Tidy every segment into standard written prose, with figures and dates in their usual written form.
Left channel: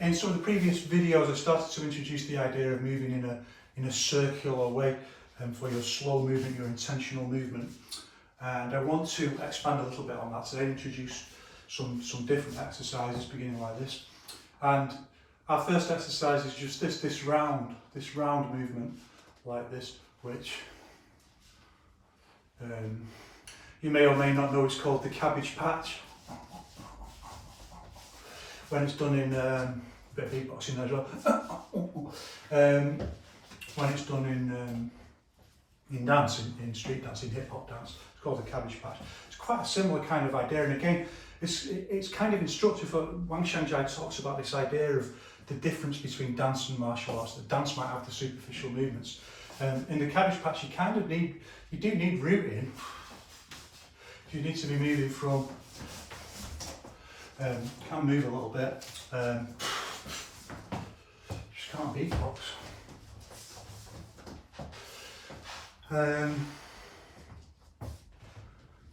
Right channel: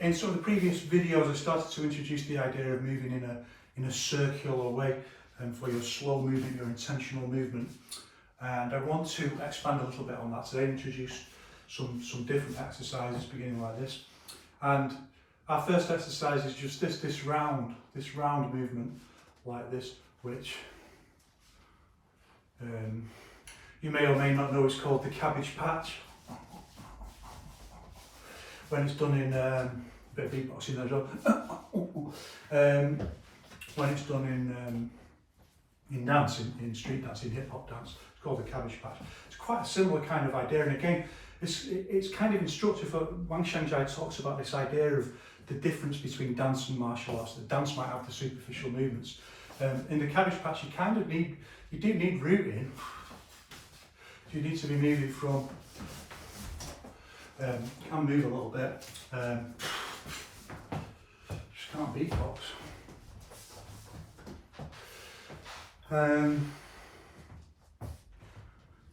In some of the previous videos I started to introduce the idea of moving in a circular way for your slow movement, your intentional movement. And I want to expand a little bit on that today and introduce some different exercises beginning like this. And our first exercise is just this round movement like this, which you may or may not know is called the Cabbage Patch. When it's done in a bit of beatboxing there as well. When it's done in dance, in street dance, in hip hop dance, it's called the Cabbage Patch. It's quite a similar kind of idea, and again, it's kind of instructive. Wang Xiangjia talks about this idea of the difference between dance and martial arts. That dance might have the superficial movements. In the Cabbage Patch, you do need rooting. You need to be moving from. Can move a little bit. Just can't beatbox.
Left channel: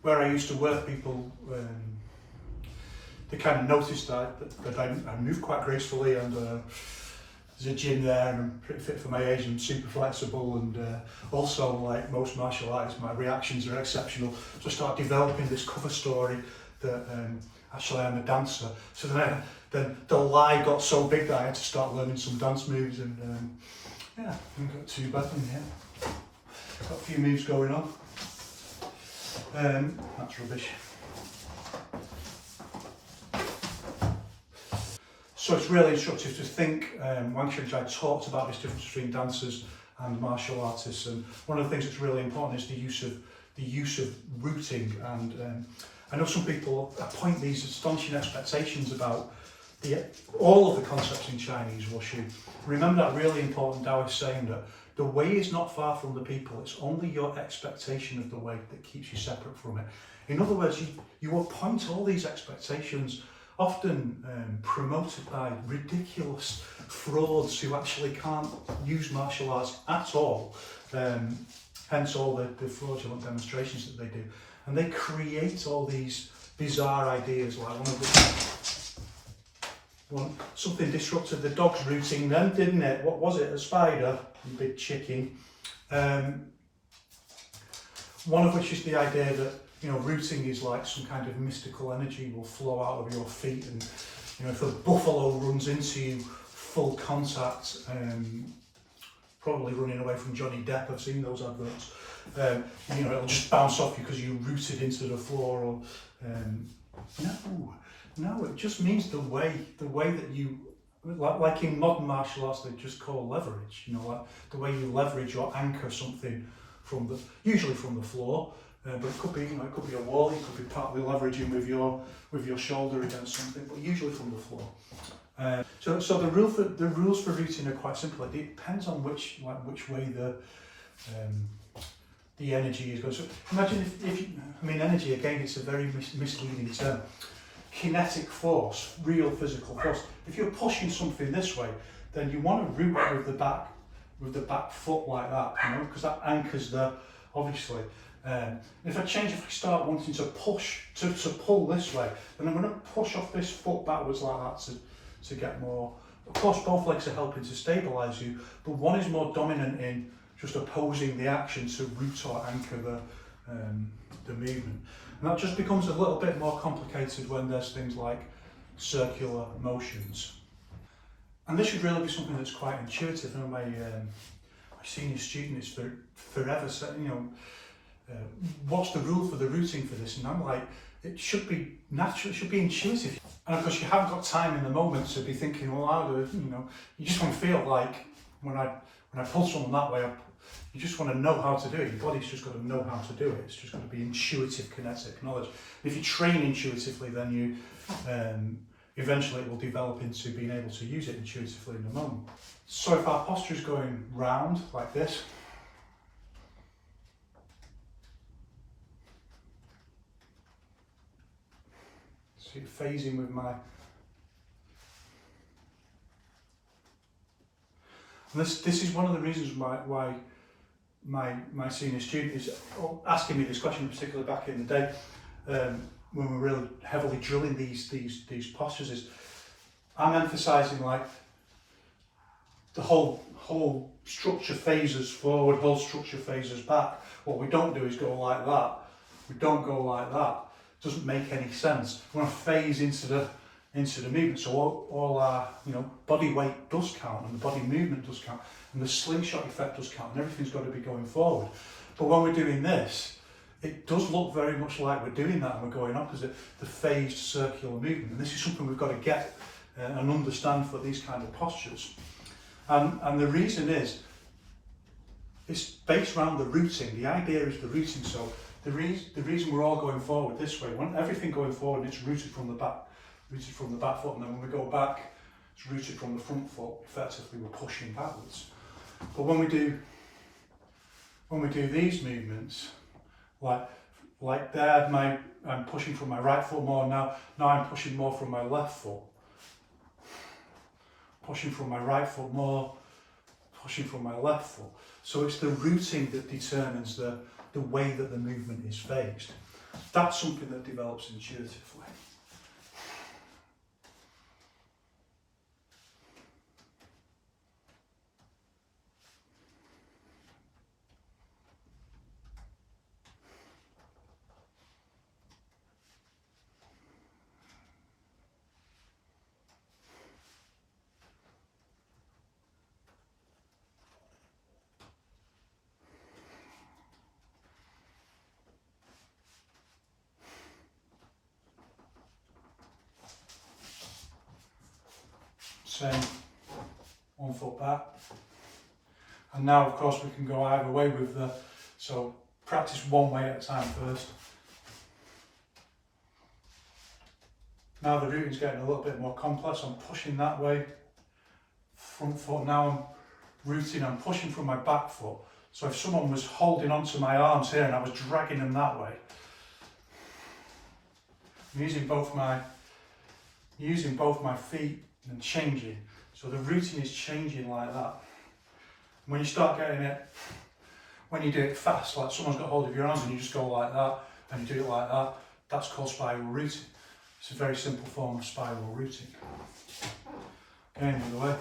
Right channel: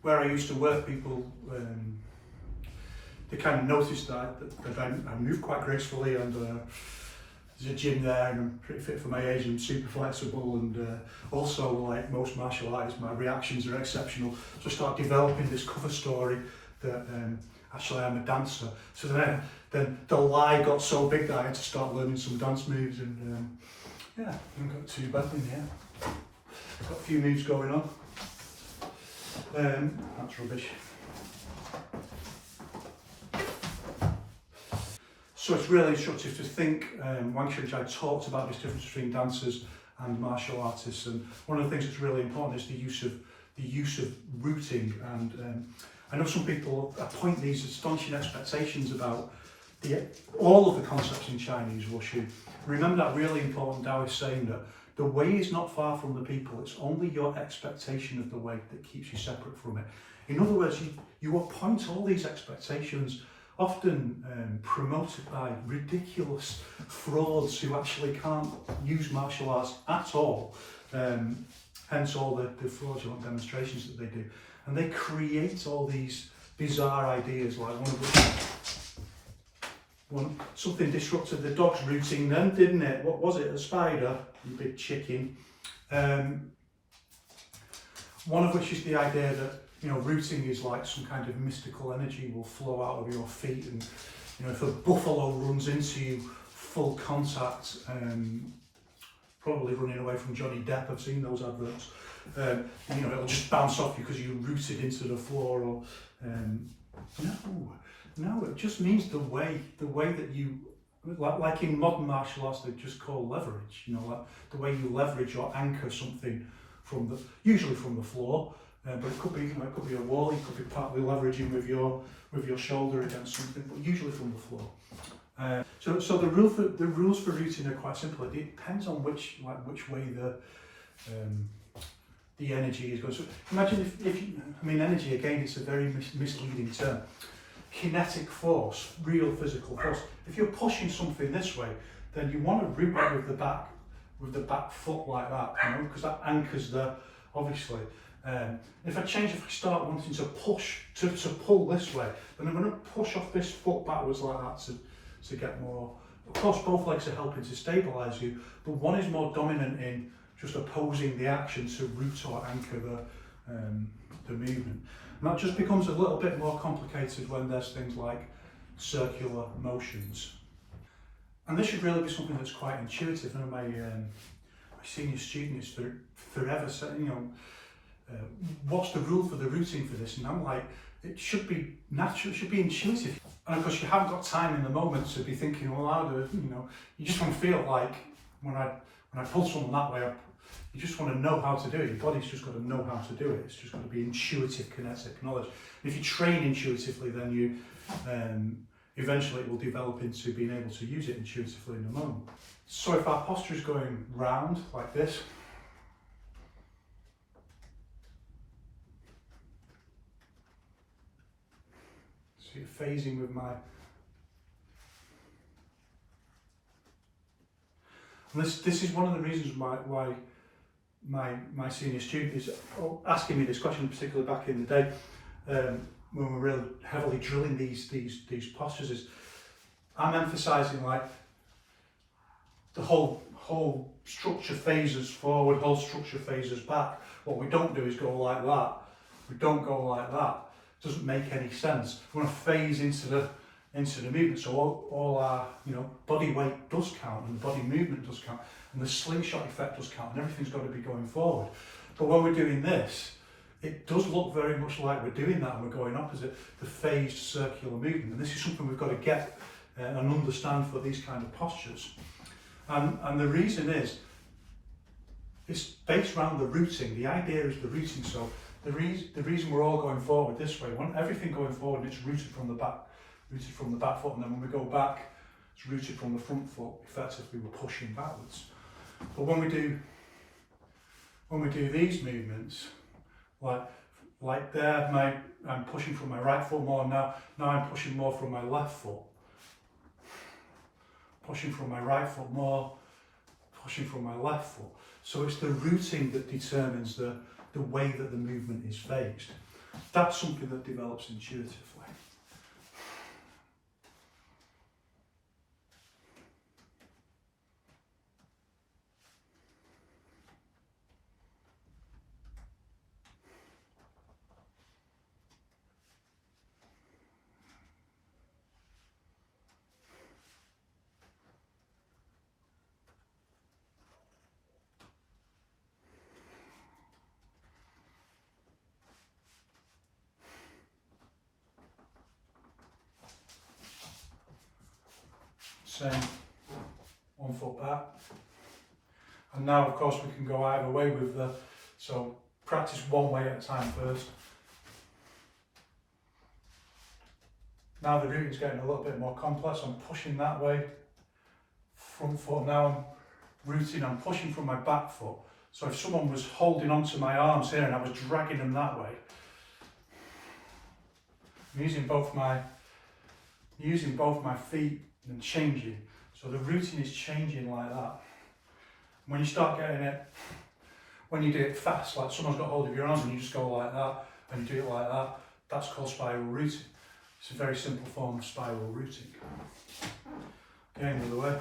Where I used to work, people they kind of noticed that I move quite gracefully, and there's a gym there, and I'm pretty fit for my age and super flexible, and also, like most martial artists, my reactions are exceptional. So I started developing this cover story that actually I'm a dancer. So then the lie got so big that I had to start learning some dance moves, and yeah, I haven't got too badly in here. Got a few moves going on. That's rubbish. So it's really instructive to think. Wang Xiangjia talked about this difference between dancers and martial artists, and one of the things that's really important is the use of rooting. And I know some people appoint these astonishing expectations about all of the concepts in Chinese wushu. Remember that really important Taoist saying that the way is not far from the people, it's only your expectation of the way that keeps you separate from it. In other words, you appoint all these expectations, often promoted by ridiculous frauds who actually can't use martial arts at all, hence all the fraudulent demonstrations that they do. And they create all these bizarre ideas, like something disrupted the dog's rooting then, didn't it? What was it, a spider? You big chicken. One of which is the idea that, you know, rooting is like some kind of mystical energy will flow out of your feet, and, you know, if a buffalo runs into you, full contact, probably running away from Johnny Depp, I've seen those adverts, you know, it'll just bounce off you because you rooted into the floor, or no, it just means the way that you, like in modern martial arts, they just call leverage, you know, like the way you leverage or anchor something usually from the floor, but it could be, you know, it could be a wall, you could be partly leveraging with your shoulder against something, but usually from the floor. So the rules for rooting are quite simple. It depends on which way the energy is going. So imagine if you, I mean, energy, again, it's a very misleading term. Kinetic force, real physical force. If you're pushing something this way, then you want to root it with the back foot like that, you know, because that anchors obviously. If I start wanting to push, to pull this way, then I'm going to push off this foot backwards like that to get more. Of course, both legs are helping to stabilise you, but one is more dominant in just opposing the action to root or anchor the movement. And that just becomes a little bit more complicated when there's things like circular motions. And this should really be something that's quite intuitive. And my senior student is forever saying, you know, what's the rule for the rooting for this? And I'm like, it should be natural, it should be intuitive. And of course, you haven't got time in the moment to be thinking, well, how do, you know, you just want to feel like when I pull someone that way up, you just want to know how to do it. Your body's just got to know how to do it. It's just got to be intuitive kinetic knowledge. And if you train intuitively, then you eventually it will develop into being able to use it intuitively in the moment. So if our posture is going round like this, so you're phasing with my, and this is one of the reasons why my senior student is asking me this question, particularly back in the day when we were really heavily drilling these postures, is I'm emphasising like the whole structure phases forward, whole structure phases back. What we don't do is go like that. We don't go like that. It doesn't make any sense. We want to phase into the movement. So all our body weight does count, and the body movement does count, and the slingshot effect does count, and everything's got to be going forward. But when we're doing this, it does look very much like we're doing that, and we're going opposite the phased circular movement. And this is something we've got to get and understand for these kind of postures. And the reason is, it's based around the rooting. The idea is the rooting. So the reason we're all going forward this way, when everything going forward, and it's rooted from the back foot, and then when we go back, it's rooted from the front foot. Effectively, we're pushing backwards. But when we do these movements, like there, I'm pushing from my right foot more now. Now I'm pushing more from my left foot. Pushing from my right foot more, pushing from my left foot. So it's the rooting that determines the way that the movement is phased. That's something that develops intuitively. Same, 1 foot back. And now of course we can go either way with so practice one way at a time first. Now the routing's getting a little bit more complex. I'm pushing that way, front foot. Now I'm rooting, I'm pushing from my back foot. So if someone was holding onto my arms here and I was dragging them that way, I'm using both my feet and changing. So the rooting is changing like that. When you start getting it, when you do it fast, like someone's got hold of your arms and you just go like that, and you do it like that, that's called spiral rooting. It's a very simple form of spiral rooting. Again, the other way.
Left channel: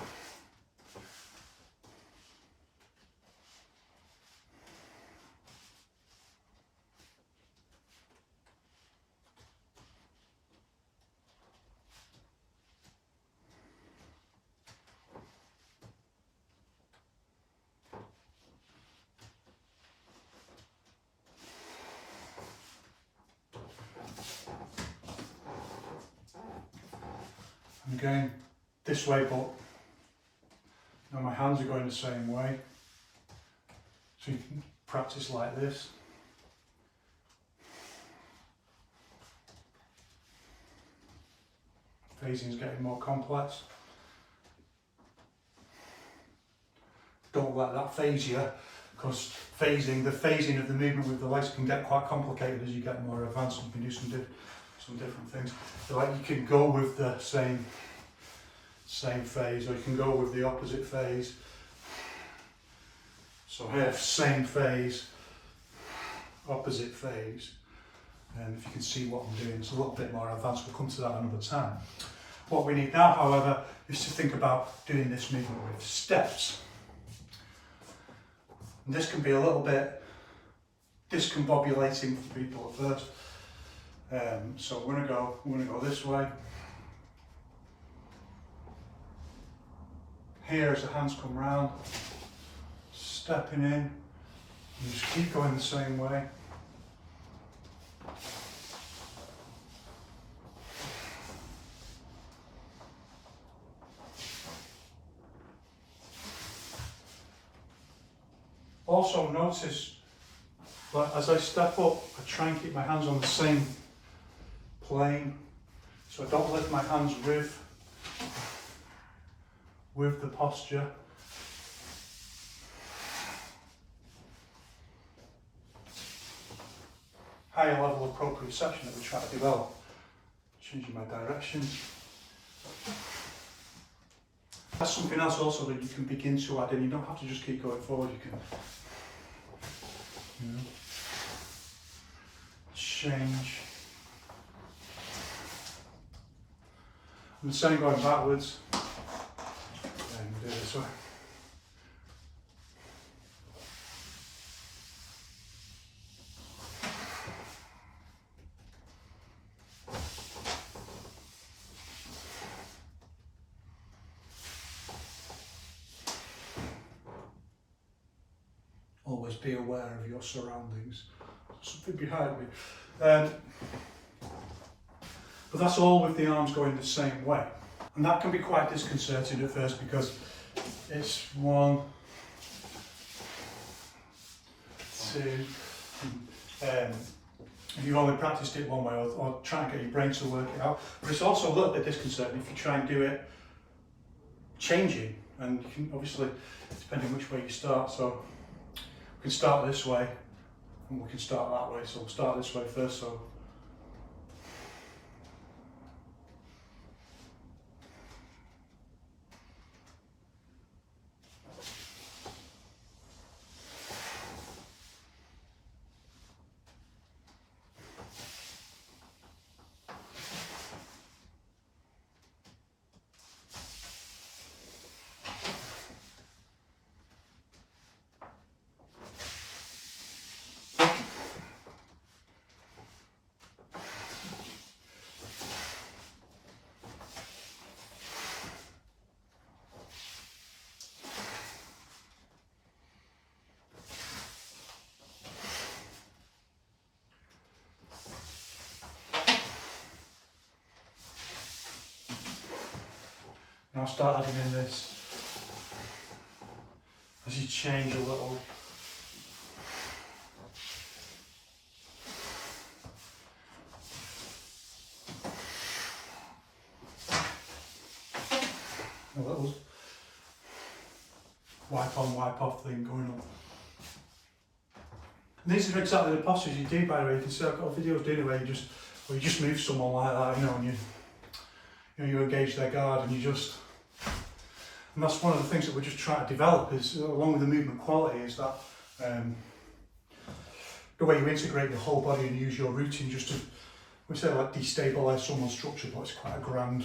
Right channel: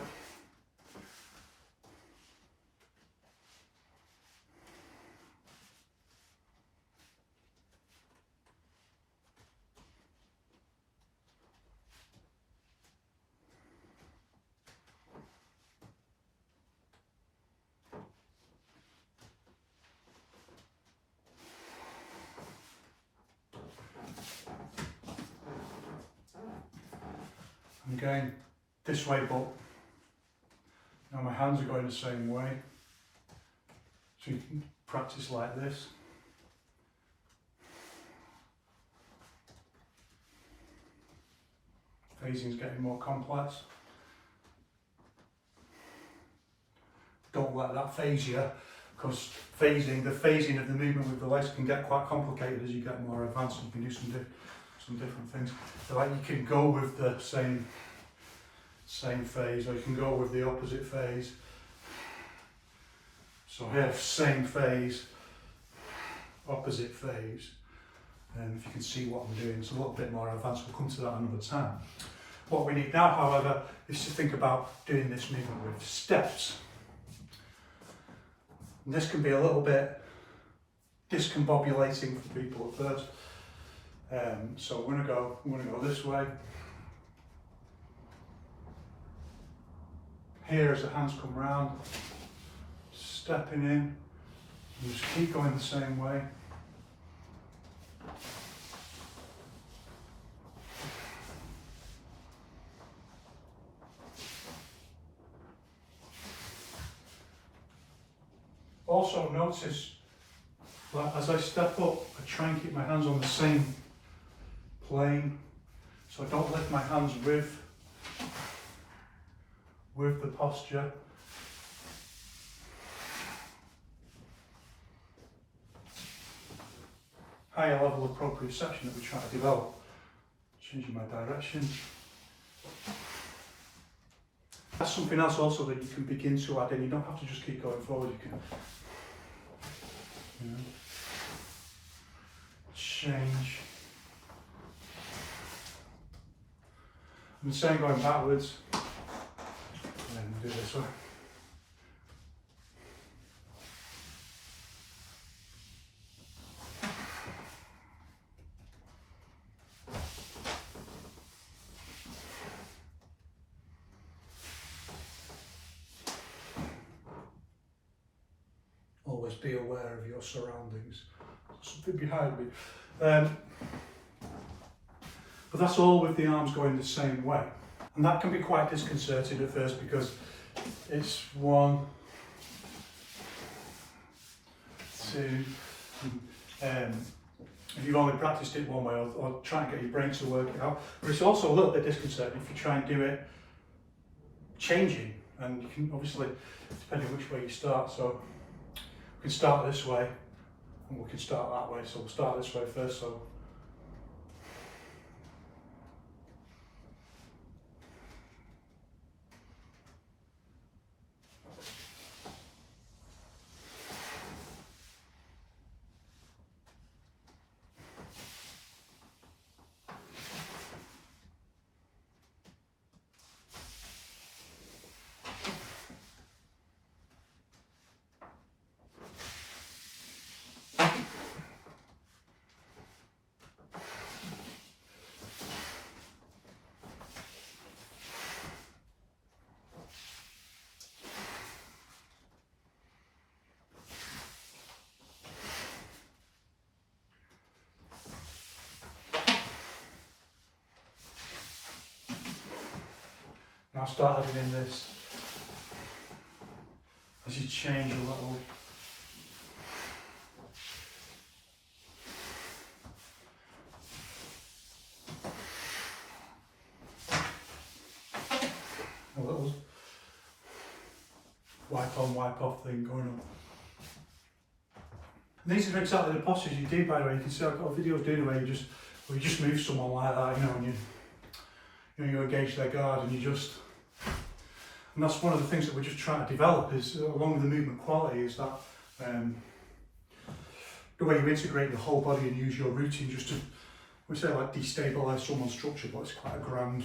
I'm going this way, but now my hands are going the same way. So you can practice like this. Phasing is getting more complex. Don't let that phase you, because the phasing of the movement with the legs can get quite complicated as you get more advanced. You can do some different things. So like you can go with the same phase, or you can go with the opposite phase. So here, same phase, opposite phase. And if you can see what I'm doing, it's a little bit more advanced. We'll come to that another time. What we need now, however, is to think about doing this movement with steps. And this can be a little bit discombobulating for people at first. So we're gonna go this way. Here as the hands come round, stepping in, you just keep going the same way. Also notice, well, as I step up, I try and keep my hands on the same plane, so I don't lift my hands with the posture. Higher level of proprioception that we try to develop. Changing my direction. That's something else also that you can begin to add in. You don't have to just keep going forward. You can, change. And the same going backwards. And we'll do this one. Always be aware of your surroundings. Something behind me. But that's all with the arms going the same way. And that can be quite disconcerting at first because it's 1, 2, if you've only practiced it one way or trying to get your brain to work it out. But it's also a little bit disconcerting if you try and do it changing. And you can obviously, depending which way you start, so we can start this way and we can start that way. So we'll start this way first. So I'll start adding in this as you change a little. A little wipe on, wipe off thing going on. And these are exactly the postures you do, by the way. You can see I've got videos doing it where you just move someone like that, you know, and you engage their guard and you just. And that's one of the things that we're just trying to develop is, along with the movement quality, is that the way you integrate your whole body and use your routine just to, we say like destabilise someone's structure, but it's quite a grand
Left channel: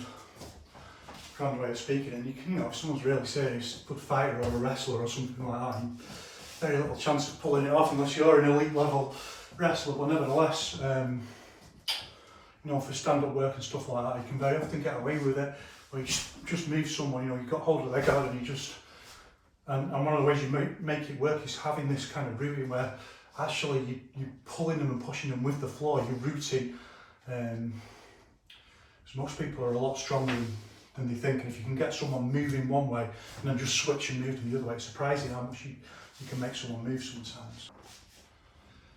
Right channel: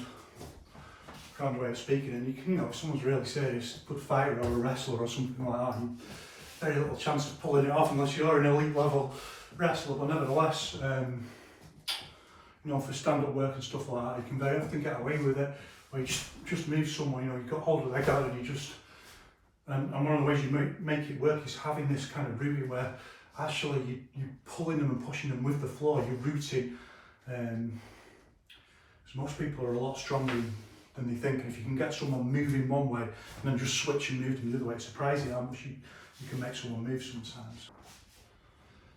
way of speaking. And you can, you know, if someone's really serious, good fighter or a wrestler or something like that, very little chance of pulling it off unless you're an elite level wrestler. But nevertheless, you know, for stand-up work and stuff like that, you can very often get away with it. Where you just move someone, you know, you've got hold of their guard and you just, and one of the ways you make it work is having this kind of rooting where actually you're pulling them and pushing them with the floor, you're rooting. Because most people are a lot stronger than they think, and if you can get someone moving one way and then just switch and move them the other way, it's surprising how much you can make someone move sometimes.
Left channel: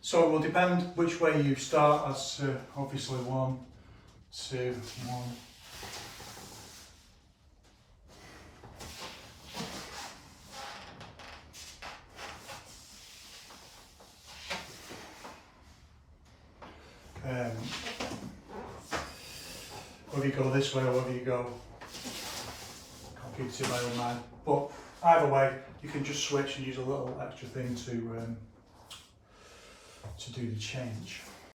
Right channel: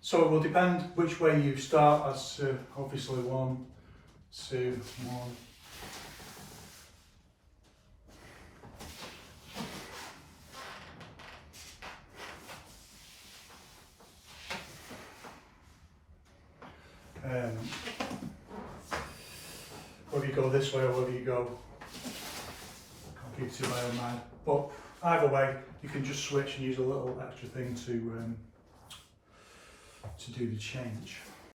So it will depend which way you start, as obviously 1, 2, 1. Whether you go this way or whether you go computer my own mind, but either way you can just switch and use a little extra thing to do the change.